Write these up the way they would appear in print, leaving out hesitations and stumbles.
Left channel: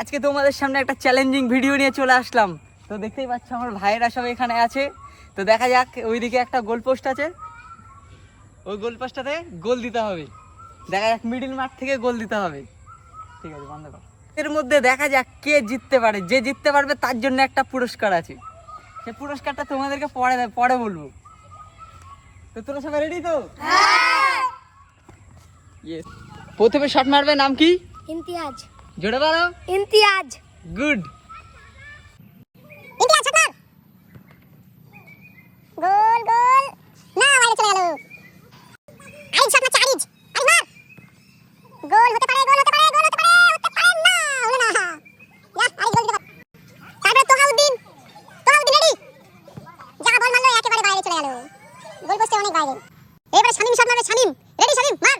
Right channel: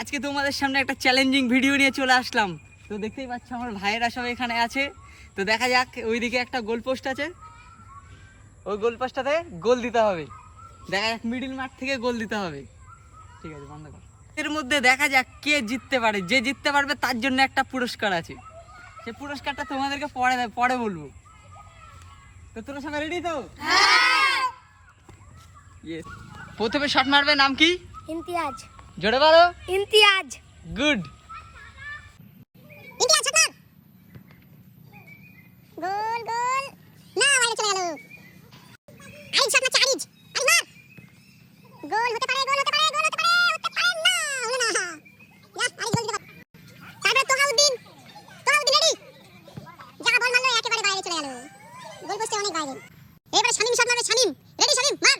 আজকে তোমাদের সামনে একটা চ্যালেঞ্জিং ভিডিও নিয়ে চলে আসলাম। তো দেখতেই পাচ্ছ আমার ভাইয়েরা সব এখানে আছে। তো দেখা যাক, ওইদিকে একটা গোল পোস্ট আছে, ওই গোল পোস্টটাতে গোল দিতে হবে। দেখা যাক মিডিল মাঠ থেকে গোল দিতে হবে। ঠিক আছে, বন্ধ কর। এর মধ্যে দেখা যাক কে জিততে পারে। যে জিততে পারবে তার জন্য একটা পুরস্কার আছে। সেই পুরস্কারটা তোমাদেরকে পরে বলবো। তো তোরা সবাই রেডি তো? হ্যাঁ। ইয়েস। প্রথমে শট মারবে, নাম কি? ইমতিয়াজ। জোরে বলো। ইমতিয়াজ। গুড। ইমতিয়াজ শট মার। গোল গোল না, বাইরে চলে গেল। আরিজ শট মারছে, আরিজ মার। গোল হতে পারে, গোল হতে পারে, গোল হতে পারে, হতে পারে না, হলো না। ইয়া, আরিজ গোল দিতে পারে। তারপরে তোহাউদ্দিন রেডি। যা বল মারলো একেবারে বাইরে চলে গেল, গোল পোস্টে অনেক বাইরে। এবারে শামিম শট মারবে, শামিম রেডি, শামিম মার।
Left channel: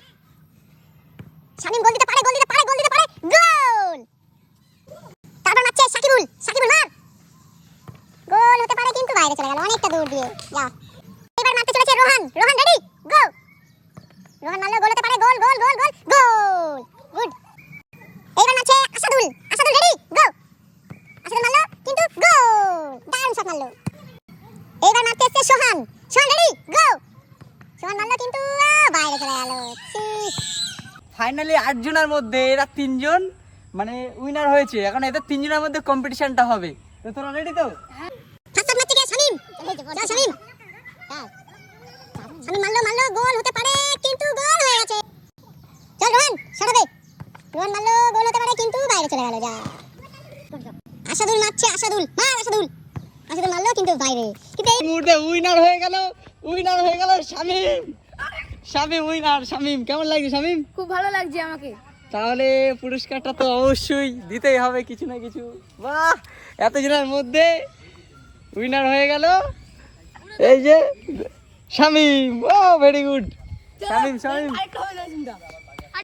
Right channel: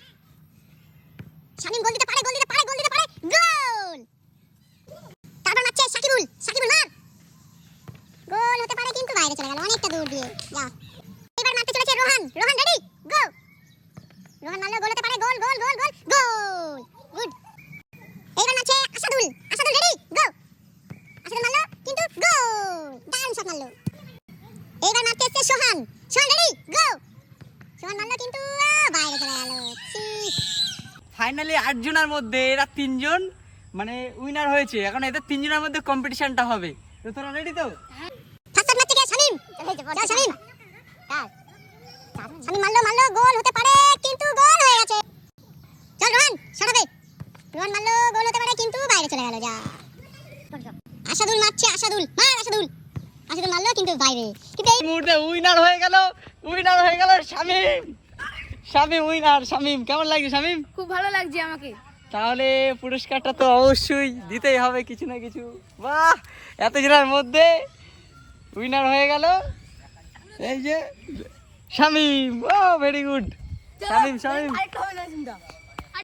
শামিম গোল দিতে পারে, গোল দিতে পারে, গোল দিতে পারে, গোল। তারপর মারছে সাকিবুল, সাকিবুল মার। গোল হতে পারে কিন্তু বাইরে চলে গেল অনেকটা দূর দিয়ে। যা, এবার মারতে চলেছে রোহান, রোহান রেডি, গো। রোহান মারলো, গোল হতে পারে, গোল গোল গোল গোল গোল। গুড। এবার মারছে আসাদুল, আসাদুল রেডি, গো। আসাদুল মারলো কিন্তু গোল, দারুণ শট মারলো। এবার মারতে এসেছে সোহান, সোহান রেডি, গো। সোহান মারলো কিন্তু বাইরে চলে গেল। ফাইনালি 8 জনের মধ্যে এরা 3 জন মানে উইনার হয়েছে। এখন এদের 3 জনের মধ্যে কম্পিটিশনটা হবে। তো তোরা রেডি তো? ফার্স্ট শট মারছে কে? শামিম। চল শামিম। শামিম মারলো, গোল হতে পারে কিন্তু গোল হয়ে গেছে। চল রোহান সরাবে। রোহান মারলো, গোল হতে পারে কিন্তু বাইরে চলে গেল। যা, আসাদুল মারছে, আসাদুল মার, আসাদুল মারলো কিন্তু বাইরে। কিন্তু এই মুহূর্তে উইনার হয়ে গেল শামিম। শামিম উইনার। শামিম, কেমন লাগছে শামিম? খুব ভালো লাগছে আমাকে। তাহলে পুরস্কারটা তো অবশ্যই দিতেই হবে কিছু না কিছু। বাহ, এতজনের মধ্যে উইনার হয়ে গেল এই যে শামিম। ও ভেরি গুড শামিম। আরেকটা হবে না চিন্তা।